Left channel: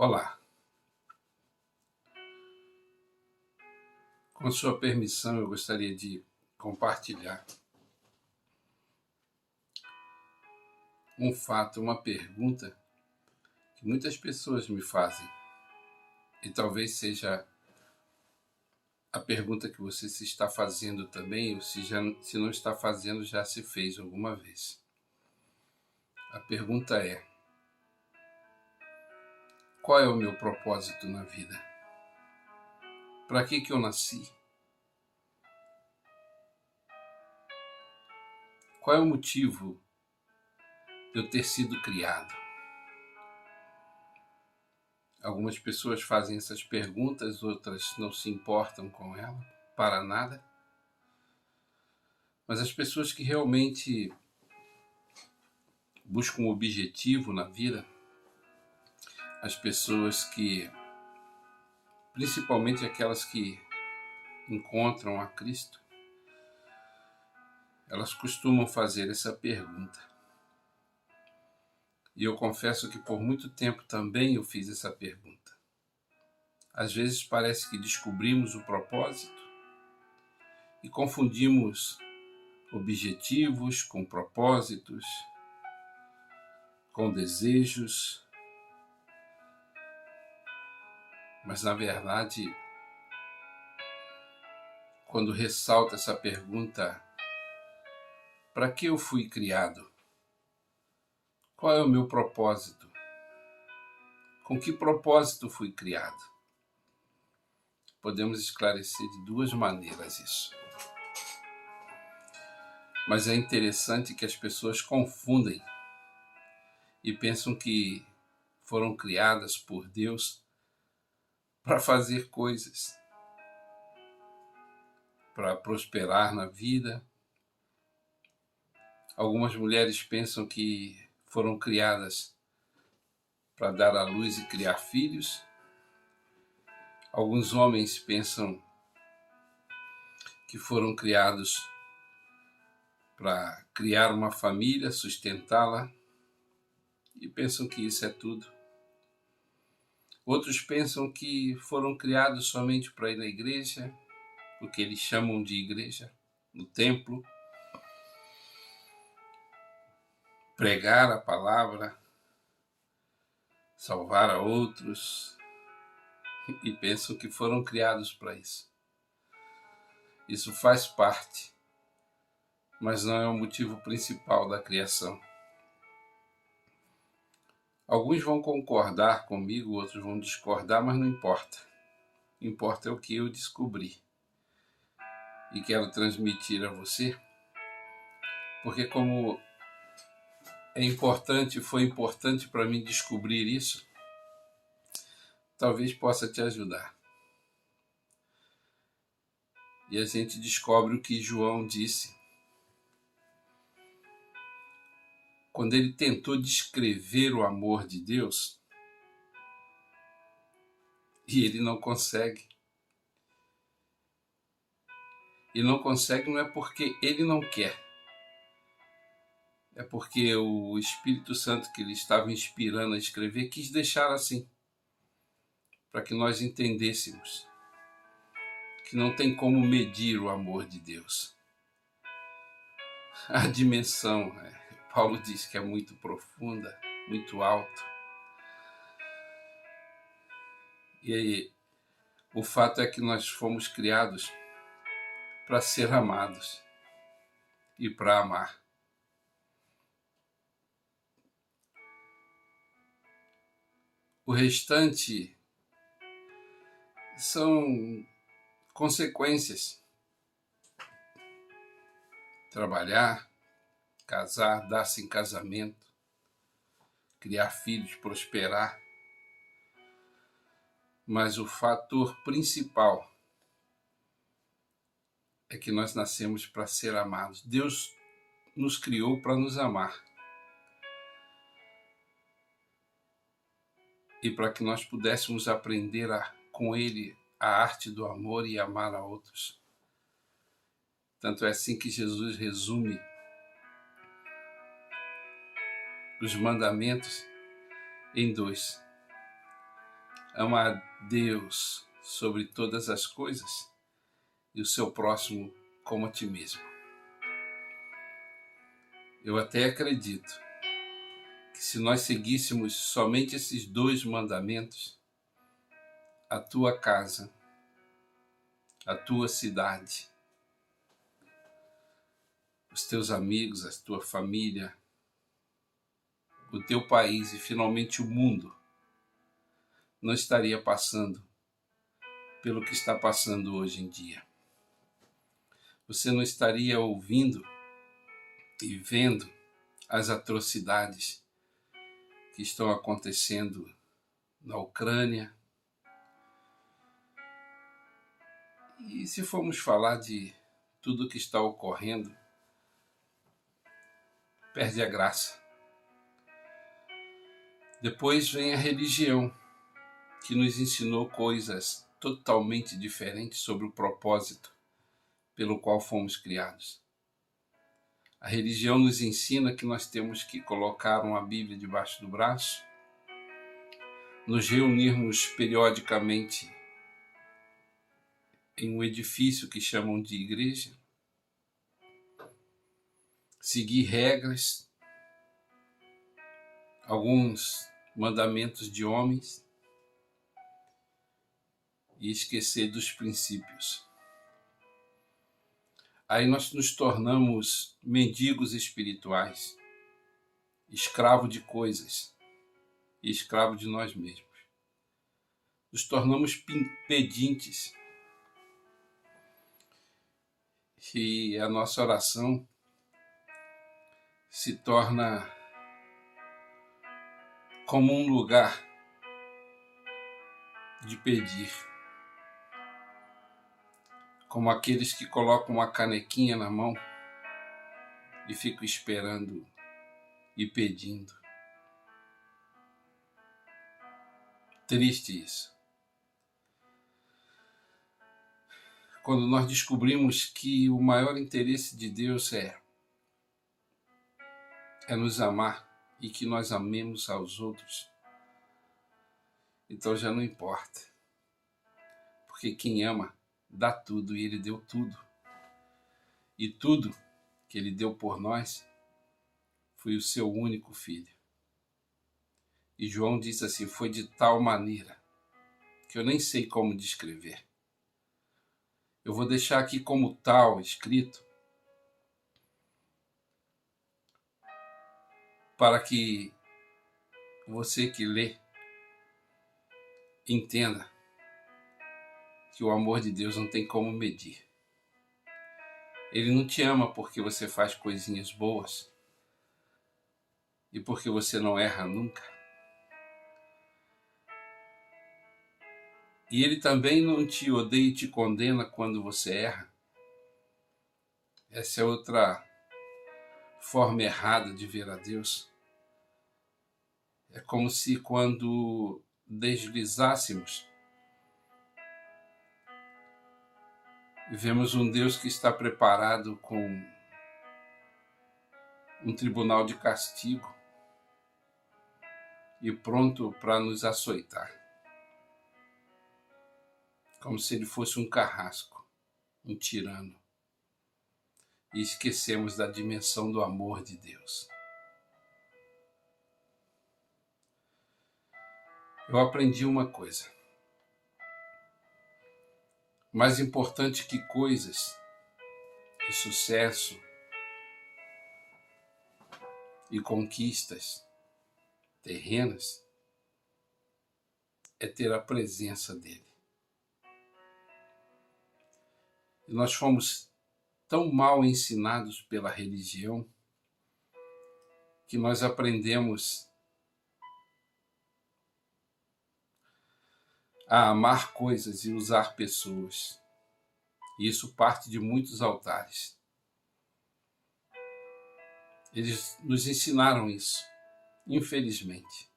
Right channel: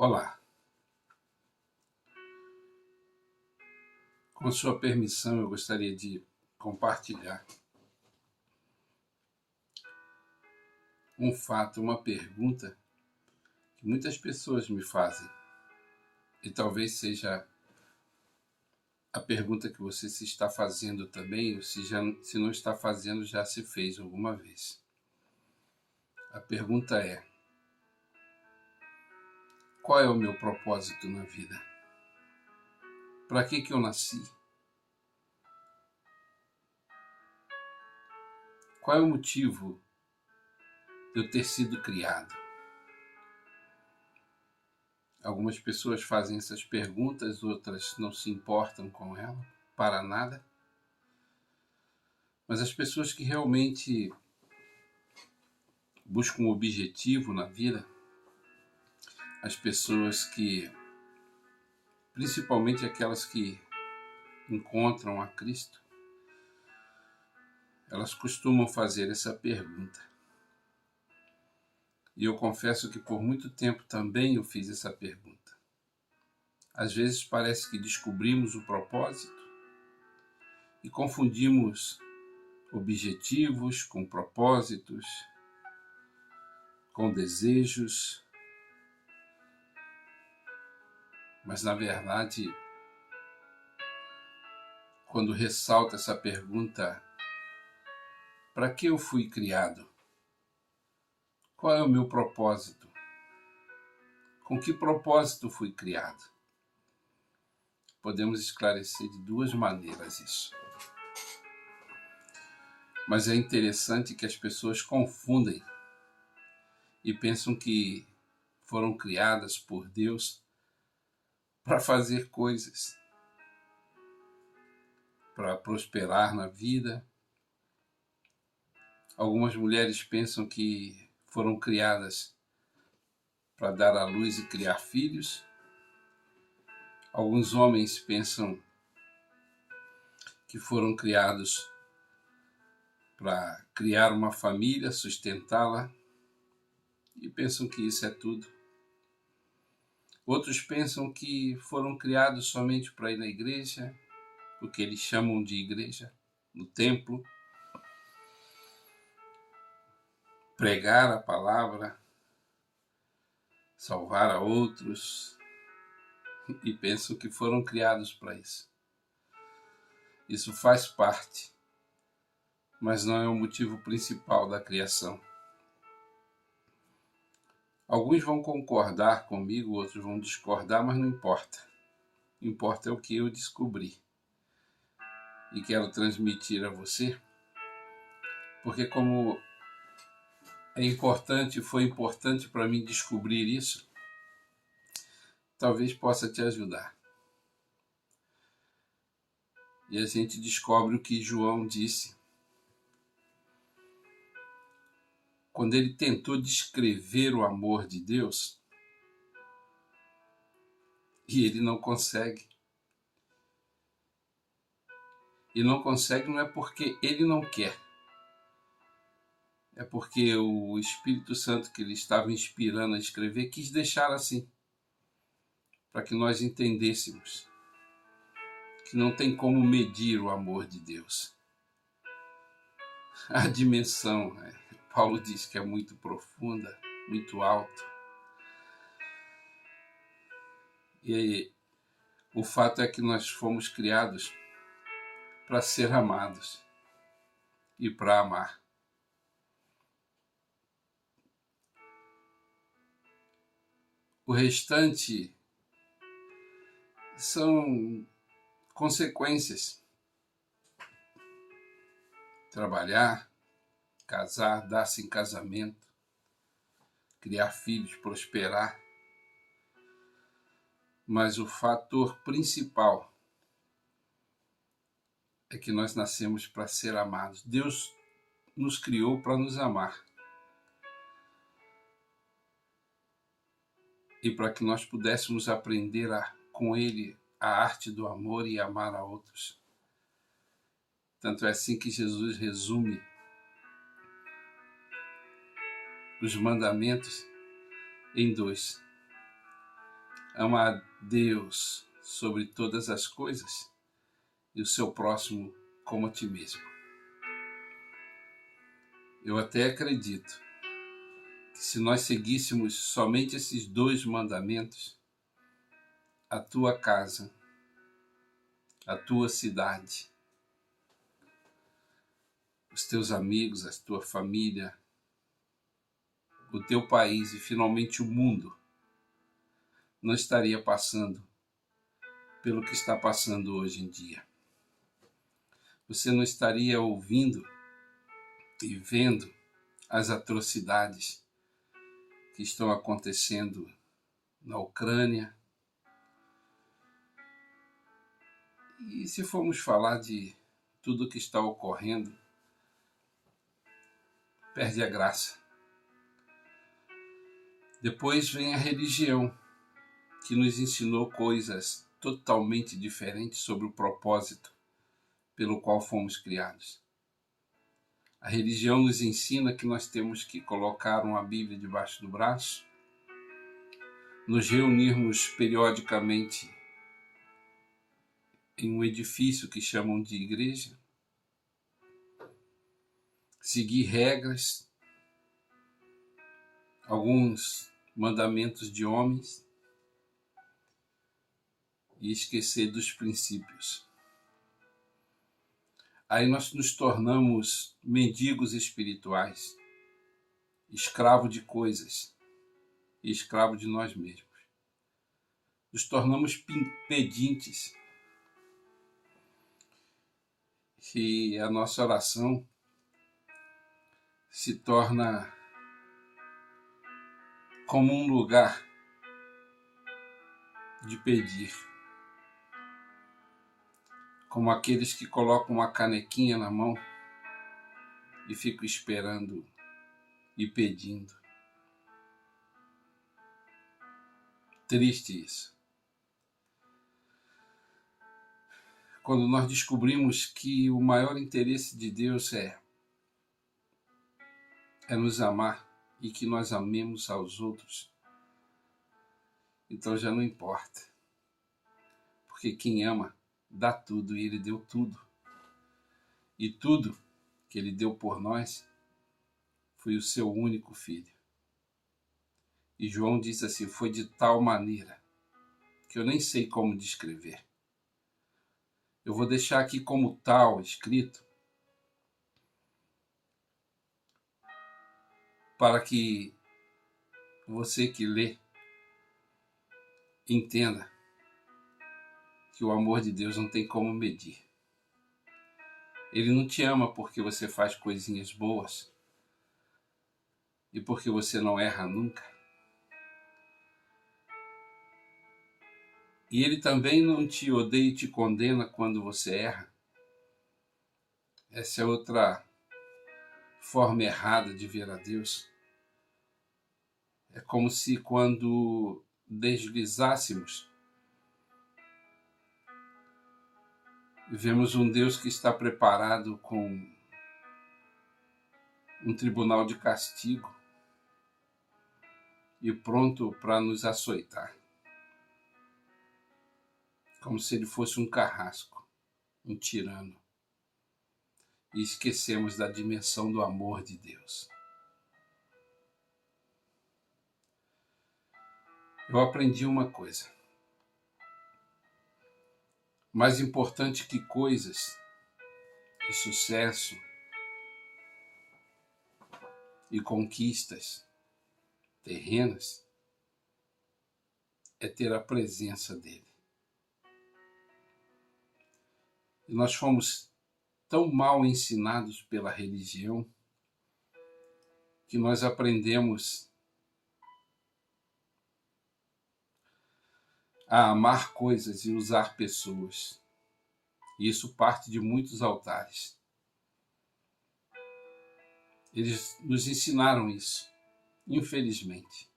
Olá, com sua permissão eu gostaria de compartilhar um fato, uma pergunta que muitas pessoas me fazem e talvez seja a pergunta que você se está fazendo também, ou se não está fazendo, já se fez alguma vez. A pergunta é: qual é o meu propósito na vida? Para que eu nasci? Qual é o motivo de eu ter sido criado? Algumas pessoas fazem essas perguntas, outras não se importam com ela, para nada. Mas as pessoas que realmente buscam um objetivo na vida, as pessoas que, principalmente aquelas que encontram a Cristo, elas costumam fazer essa pergunta. E eu confesso que por muito tempo também eu fiz essa pergunta. Às vezes parece que descobrimos o propósito e confundimos objetivos com propósitos, com desejos, mas na verdade, quando ressalta essa pergunta, para que eu fui criado? Qual é o meu propósito? Com que propósito fui criado? Podemos esclarecer de duas maneiras isso. Mas é interessante que as pessoas confundem e pensam que foram criadas por Deus para fazer coisas, para prosperar na vida. Algumas mulheres pensam que foram criadas para dar à luz e criar filhos. Alguns homens pensam que foram criados para criar uma família, sustentá-la, e pensam que isso é tudo. Outros pensam que foram criados somente para ir na igreja, o que eles chamam de igreja, no templo, pregar a palavra, salvar a outros, e pensam que foram criados para isso. Isso faz parte, mas não é o motivo principal da criação. Alguns vão concordar comigo, outros vão discordar, mas não importa. Importa é o que eu descobri. E quero transmitir a você, porque como foi importante para mim descobrir isso, talvez possa te ajudar. E a gente descobre o que João disse quando ele tentou descrever o amor de Deus, e ele não consegue. E não consegue não é porque ele não quer, é porque o Espírito Santo que ele estava inspirando a escrever quis deixar assim, para que nós entendêssemos que não tem como medir o amor de Deus. A dimensão, Paulo diz que é muito profunda, muito alta. E aí, o fato é que nós fomos criados para ser amados e para amar. O restante são consequências. Trabalhar, casar, dar-se em casamento, criar filhos, prosperar. Mas o fator principal é que nós nascemos para ser amados. Deus nos criou para nos amar. E para que nós pudéssemos aprender com Ele a arte do amor e amar a outros. Tanto é assim que Jesus resume os mandamentos em 2. Ama a Deus sobre todas as coisas e o seu próximo como a ti mesmo. Eu até acredito que se nós seguíssemos somente esses 2 mandamentos, a tua casa, a tua cidade, os teus amigos, a tua família, o teu país e finalmente o mundo não estaria passando pelo que está passando hoje em dia. Você não estaria ouvindo e vendo as atrocidades que estão acontecendo na Ucrânia. E se formos falar de tudo que está ocorrendo, perde a graça. Depois vem a religião, que nos ensinou coisas totalmente diferentes sobre o propósito pelo qual fomos criados. A religião nos ensina que nós temos que colocar uma Bíblia debaixo do braço, nos reunirmos periodicamente em um edifício que chamam de igreja, seguir regras, alguns mandamentos de homens e esquecer dos princípios. Aí nós nos tornamos mendigos espirituais, escravo de coisas e escravo de nós mesmos. Nos tornamos pedintes e a nossa oração se torna como um lugar de pedir, como aqueles que colocam uma canequinha na mão e ficam esperando e pedindo. Triste isso. Quando nós descobrimos que o maior interesse de Deus é nos amar e que nós amemos aos outros, então já não importa. Porque quem ama dá tudo e Ele deu tudo. E tudo que Ele deu por nós foi o seu único filho. E João disse assim, foi de tal maneira que eu nem sei como descrever. Eu vou deixar aqui como tal escrito para que você que lê entenda que o amor de Deus não tem como medir. Ele não te ama porque você faz coisinhas boas e porque você não erra nunca. E Ele também não te odeia e te condena quando você erra. Essa é outra forma errada de ver a Deus. É como se quando deslizássemos, vemos um Deus que está preparado com um tribunal de castigo e pronto para nos açoitar. Como se ele fosse um carrasco, um tirano. E esquecemos da dimensão do amor de Deus. Eu aprendi uma coisa. Mais importante que coisas e sucesso e conquistas terrenas é ter a presença dele. E nós fomos tão mal ensinados pela religião que nós aprendemos a amar coisas e usar pessoas. E isso parte de muitos altares. Eles nos ensinaram isso, infelizmente.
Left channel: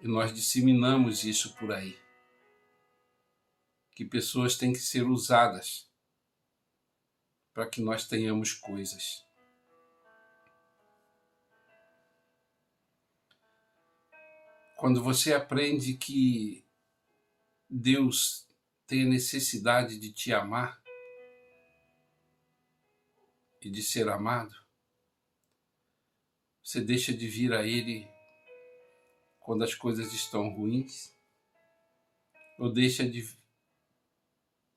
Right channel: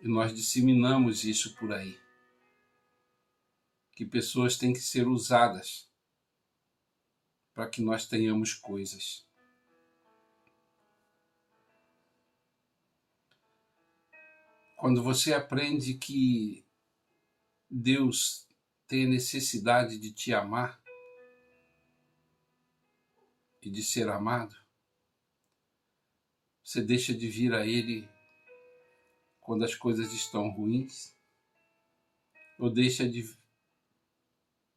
E nós disseminamos isso por aí. Que pessoas têm que ser usadas para que nós tenhamos coisas. Quando você aprende que Deus tem a necessidade de te amar e de ser amado, você deixa de vir a Ele quando as coisas estão ruins, ou deixa de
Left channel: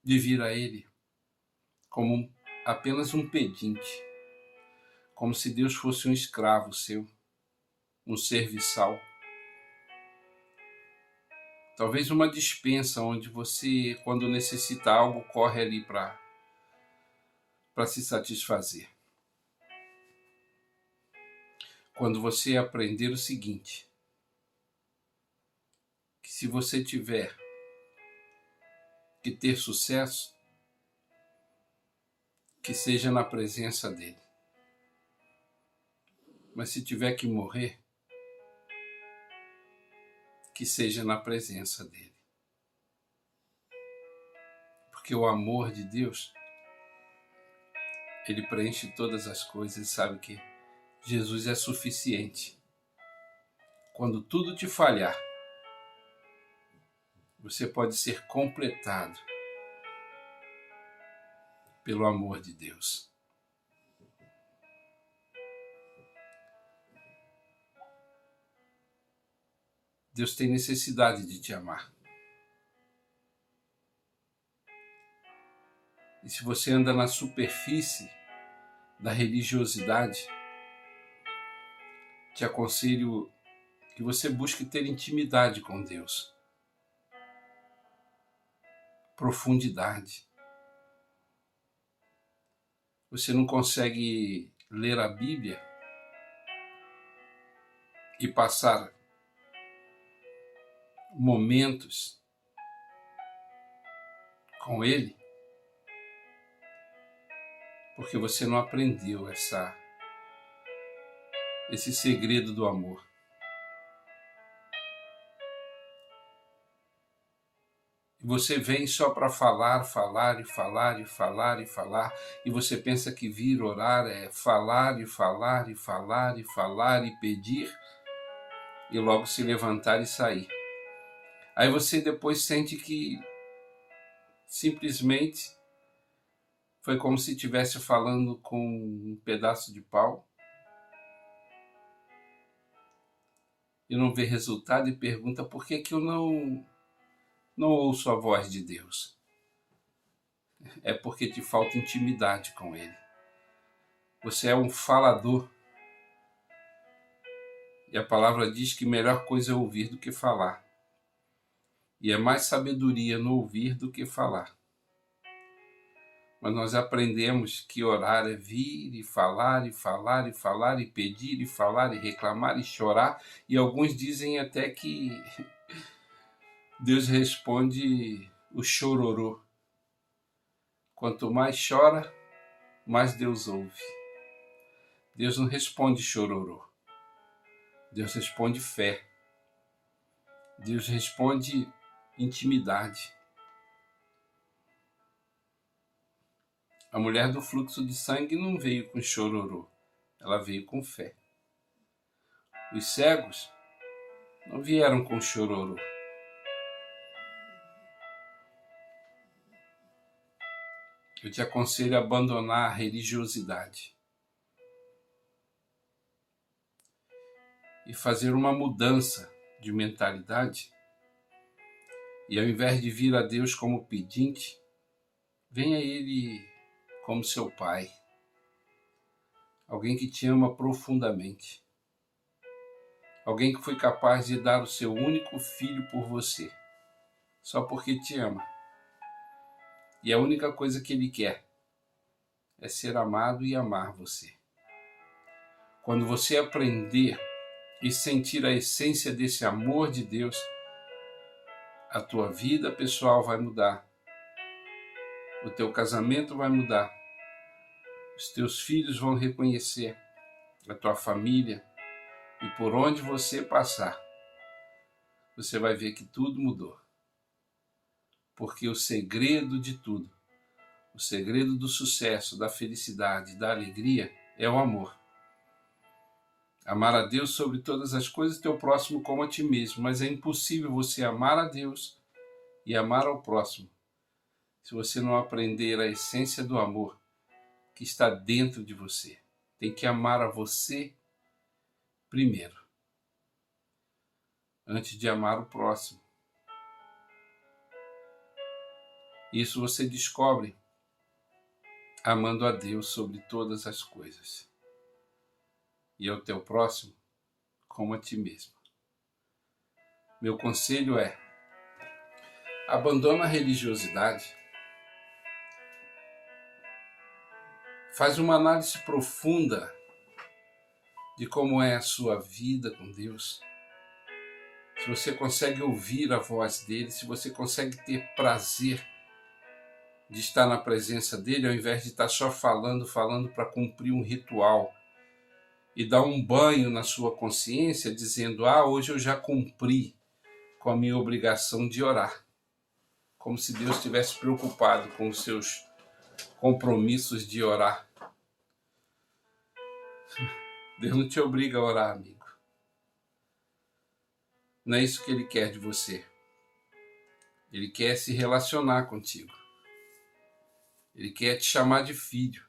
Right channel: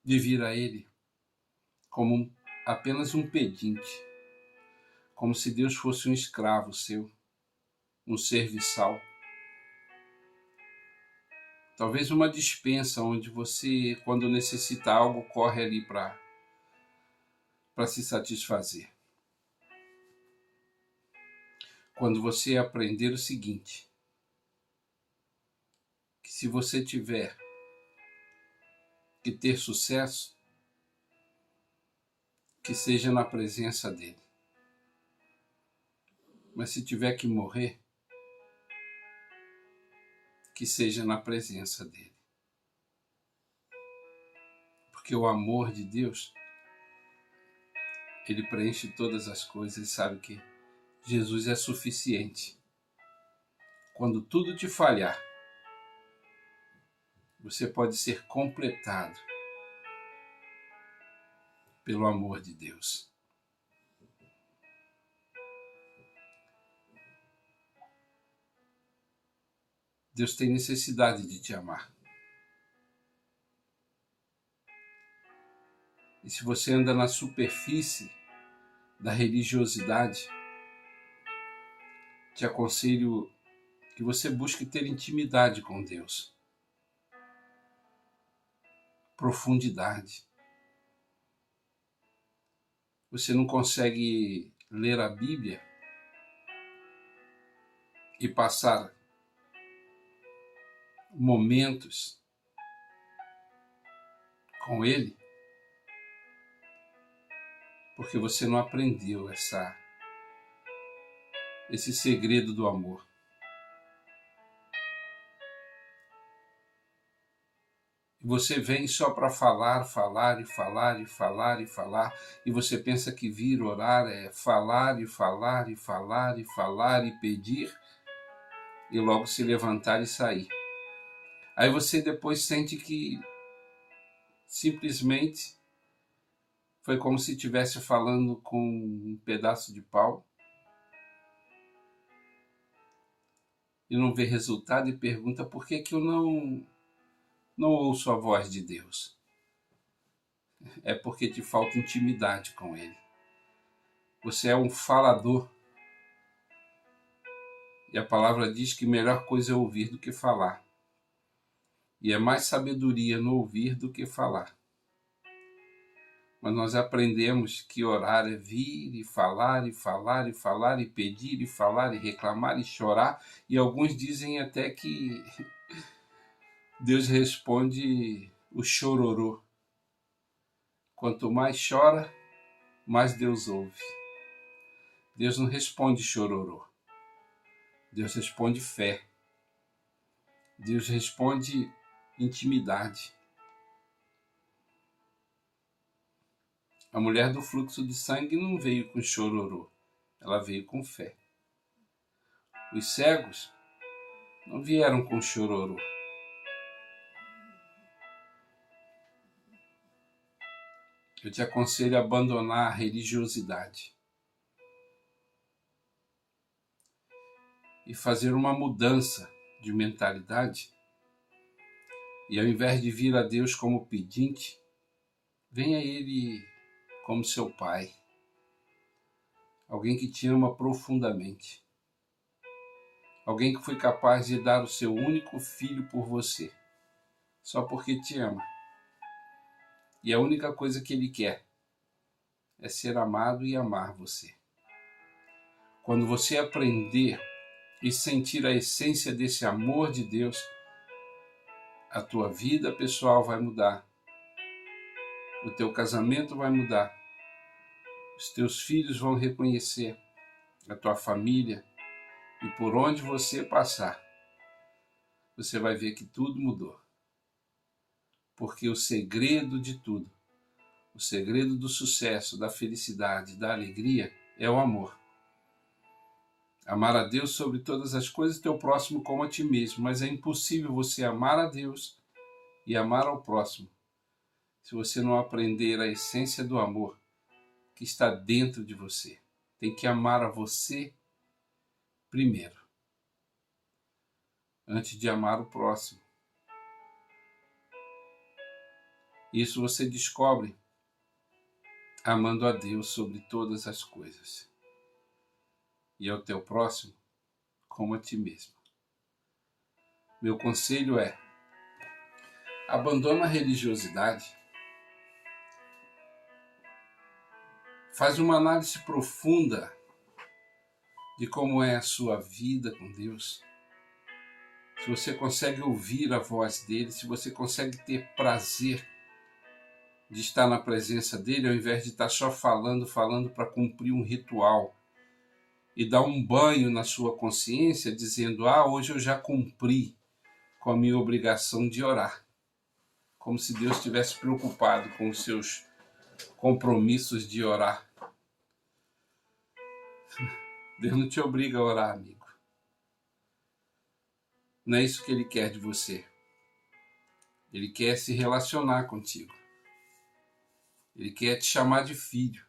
vir a Ele como apenas um pedinte, como se Deus fosse um escravo seu, um serviçal. Talvez uma despensa onde você, quando necessita algo, corre ali para se satisfazer. Quando você aprender o seguinte, que se você tiver que ter sucesso, que seja na presença dele. Mas se tiver que morrer, que seja na presença dele. Porque o amor de Deus, ele preenche todas as coisas e sabe que Jesus é suficiente. Quando tudo te falhar, você pode ser completado pelo amor de Deus. Deus tem necessidade de te amar. E se você anda na superfície da religiosidade, te aconselho que você busque ter intimidade com Deus. Profundidade. Você não consegue ler a Bíblia e passar momentos com Ele, porque você não aprendeu esse segredo do amor. E você vem só para falar, e você pensa que vir orar é falar e pedir, e logo se levantar e sair. Aí você depois sente que simplesmente foi como se estivesse falando com um pedaço de pau e não vê resultado e pergunta por que eu não ouço a voz de Deus. É porque te falta intimidade com Ele. Você é um falador. E a palavra diz que melhor coisa é ouvir do que falar. E é mais sabedoria no ouvir do que falar. Mas nós aprendemos que orar é vir e falar, e pedir, e falar, e reclamar, e chorar. E alguns dizem até que Deus responde o chororô. Quanto mais chora, mais Deus ouve. Deus não responde chororô. Deus responde fé. Deus responde intimidade. A mulher do fluxo de sangue não veio com chororô, ela veio com fé. Os cegos não vieram com chororô. Eu te aconselho a abandonar a religiosidade e fazer uma mudança de mentalidade. E ao invés de vir a Deus como pedinte, venha a Ele como seu Pai. Alguém que te ama profundamente. Alguém que foi capaz de dar o seu único filho por você, só porque te ama. E a única coisa que Ele quer é ser amado e amar você. Quando você aprender e sentir a essência desse amor de Deus, a tua vida pessoal vai mudar. O teu casamento vai mudar. Os teus filhos vão reconhecer a tua família. E por onde você passar, você vai ver que tudo mudou. Porque o segredo de tudo, o segredo do sucesso, da felicidade, da alegria, é o amor. Amar a Deus sobre todas as coisas, teu próximo como a ti mesmo. Mas é impossível você amar a Deus e amar ao próximo se você não aprender a essência do amor que está dentro de você. Tem que amar a você primeiro, antes de amar o próximo. Isso você descobre amando a Deus sobre todas as coisas e ao teu próximo como a ti mesmo. Meu conselho é: abandona a religiosidade, faz uma análise profunda de como é a sua vida com Deus, se você consegue ouvir a voz dele, se você consegue ter prazer de estar na presença dele, ao invés de estar só falando para cumprir um ritual e dar um banho na sua consciência dizendo: hoje eu já cumpri com a minha obrigação de orar, como se Deus estivesse preocupado com os seus compromissos de orar. Deus não te obriga a orar, amigo. Não é isso que ele quer de você. Ele quer se relacionar contigo. Ele quer te chamar de filho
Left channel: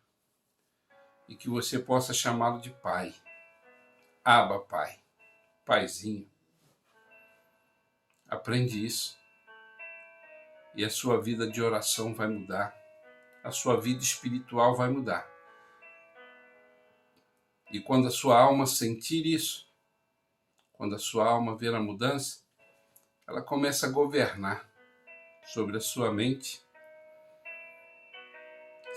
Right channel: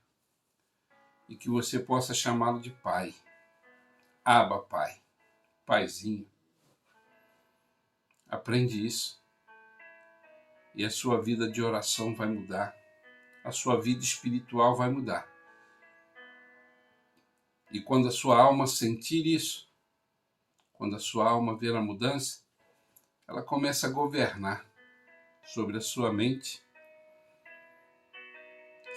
e que você possa chamá-lo de pai. Abba, pai, paizinho. Aprende isso e a sua vida de oração vai mudar. A sua vida espiritual vai mudar. E quando a sua alma sentir isso, quando a sua alma ver a mudança, ela começa a governar sobre a sua mente,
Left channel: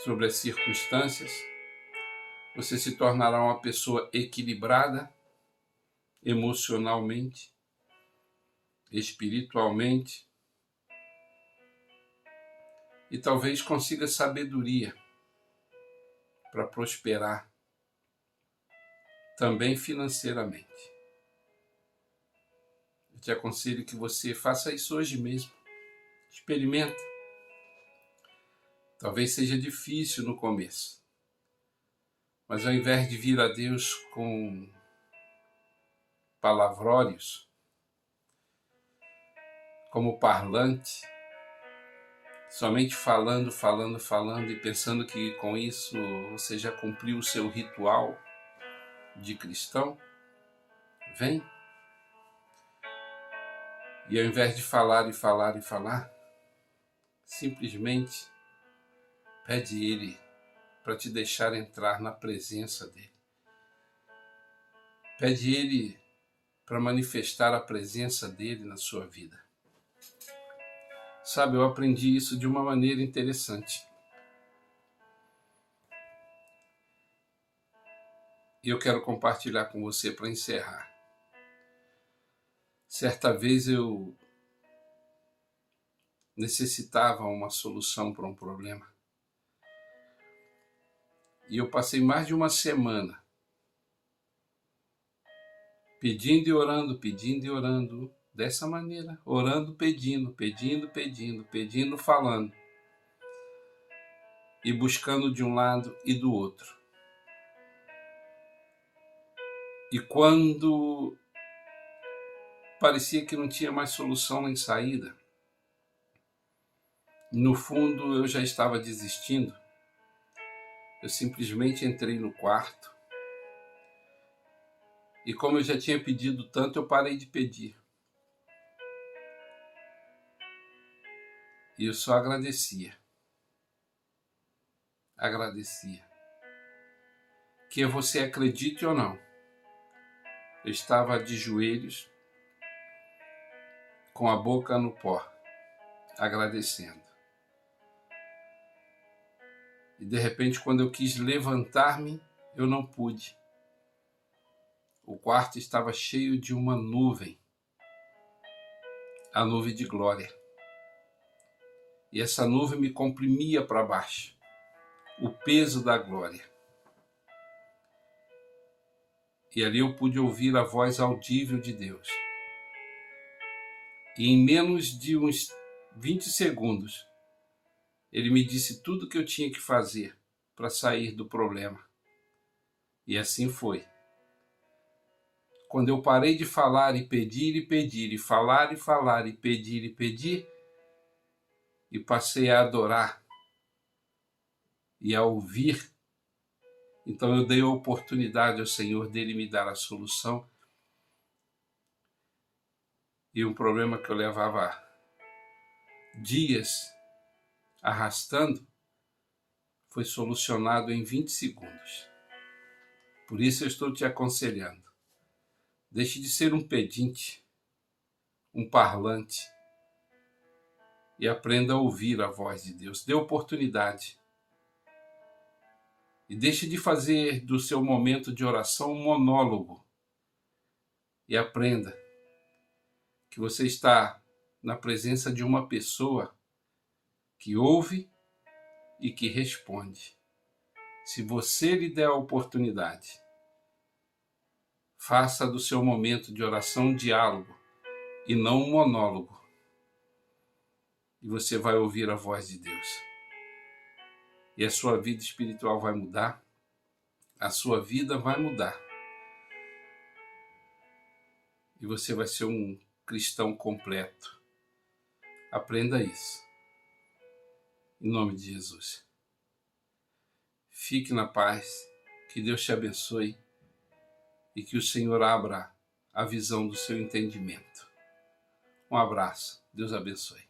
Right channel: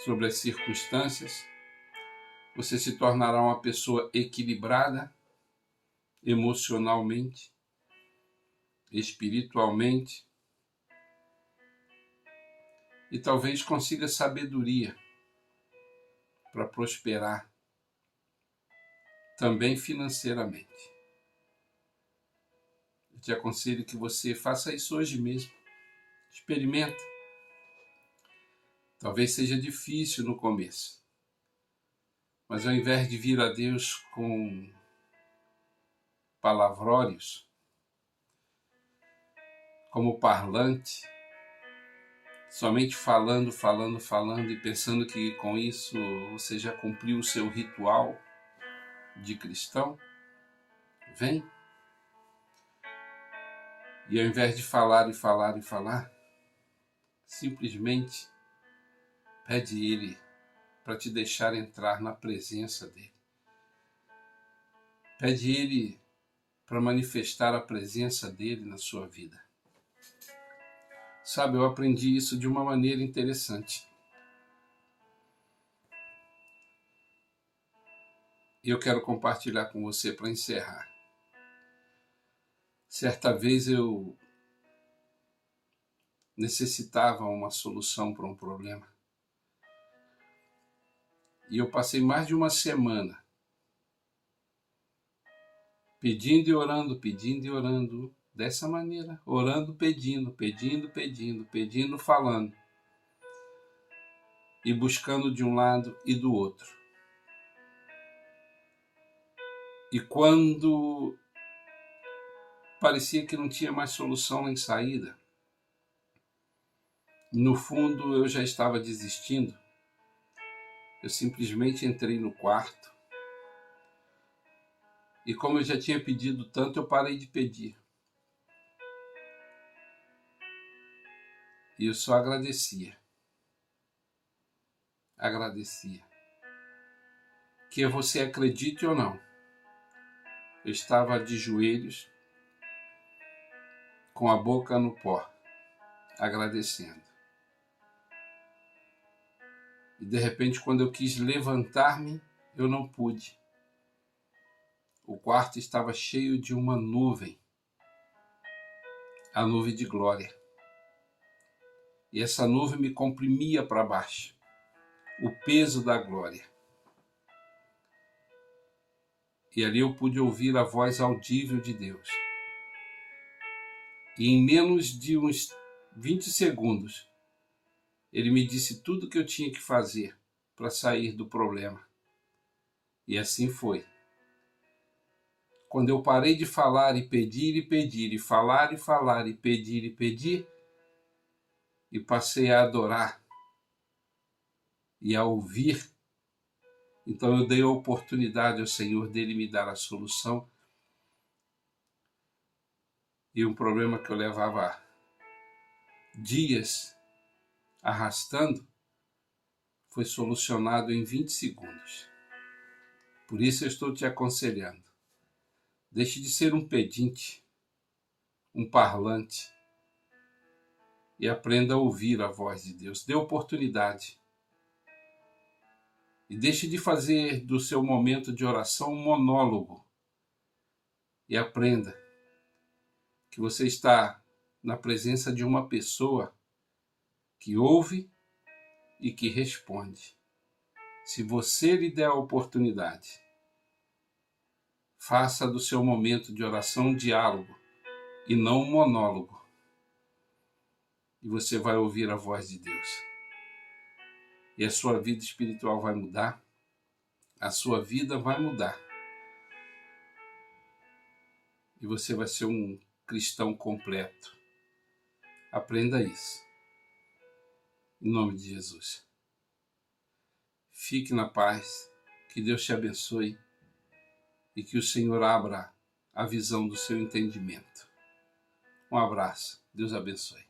sobre as circunstâncias. Você se tornará uma pessoa equilibrada emocionalmente, espiritualmente, e talvez consiga sabedoria para prosperar também financeiramente. Eu te aconselho que você faça isso hoje mesmo. Experimenta. Talvez seja difícil no começo, mas ao invés de vir a Deus com palavrórios, como parlante, somente falando e pensando que com isso você já cumpriu o seu ritual de cristão, vem. E ao invés de falar, simplesmente pede ele para te deixar entrar na presença dele. Pede ele para manifestar a presença dele na sua vida. Sabe, eu aprendi isso de uma maneira interessante. E eu quero compartilhar com você para encerrar. Certa vez eu necessitava uma solução para um problema. E eu passei mais de uma semana pedindo e orando, dessa maneira, orando, pedindo, falando, e buscando de um lado e do outro. E quando parecia que não tinha mais solução nem saída, no fundo eu já estava desistindo, eu simplesmente entrei no quarto e, como eu já tinha pedido tanto, eu parei de pedir. E eu só agradecia. Que você acredite ou não, eu estava de joelhos, com a boca no pó, agradecendo. E de repente, quando eu quis levantar-me, eu não pude. O quarto estava cheio de uma nuvem, a nuvem de glória. E essa nuvem me comprimia para baixo, o peso da glória. E ali eu pude ouvir a voz audível de Deus. E em menos de uns 20 segundos, ele me disse tudo o que eu tinha que fazer para sair do problema. E assim foi. quando eu parei de falar e pedir e pedir, e falar e pedir e pedir, e passei a adorar e a ouvir, então eu dei a oportunidade ao Senhor dele me dar a solução. E um problema que eu levava dias arrastando foi solucionado em 20 segundos. Por isso eu estou te aconselhando. Deixe de ser um pedinte, um parlante, e aprenda a ouvir a voz de Deus. Dê oportunidade. E deixe de fazer do seu momento de oração um monólogo. E aprenda que você está na presença de uma pessoa que ouve e que responde. Se você lhe der a oportunidade, faça do seu momento de oração um diálogo e não um monólogo. E você vai ouvir a voz de Deus. E a sua vida espiritual vai mudar, a sua vida vai mudar. E você vai ser um cristão completo. Aprenda isso. Em nome de Jesus. Fique na paz, que Deus te abençoe e que o Senhor abra a visão do seu entendimento. Um abraço, Deus abençoe.